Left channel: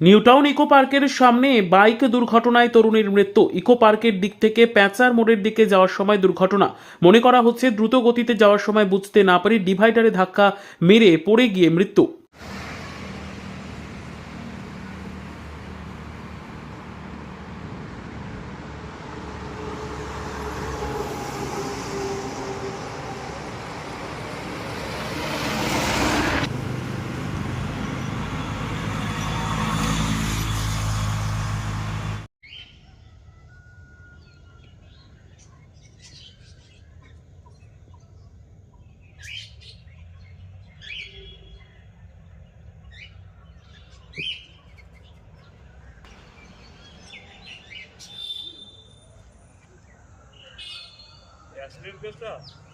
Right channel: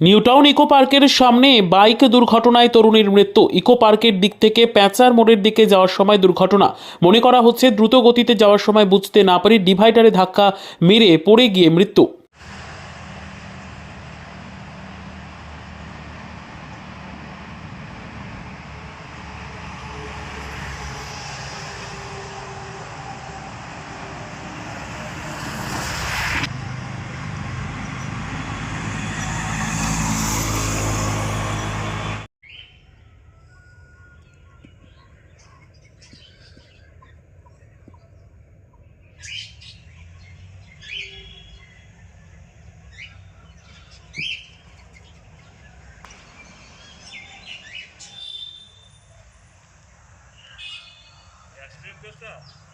New Town eco পার্কের সামনে bike দুর্ঘটনায় তরুণীর মৃত্যু। ইকো পার্কের দিক থেকে প্যাঁচার মোড়ের দিকে যাওয়ার সময় দুর্ঘটনা। মনে করা হচ্ছে দ্রুত গতিতে যাওয়ার সময় বুঝতে না পারি ডিভাইডারে ধাক্কা মেরে পড়ে গিয়ে মৃত্যু। Beijo.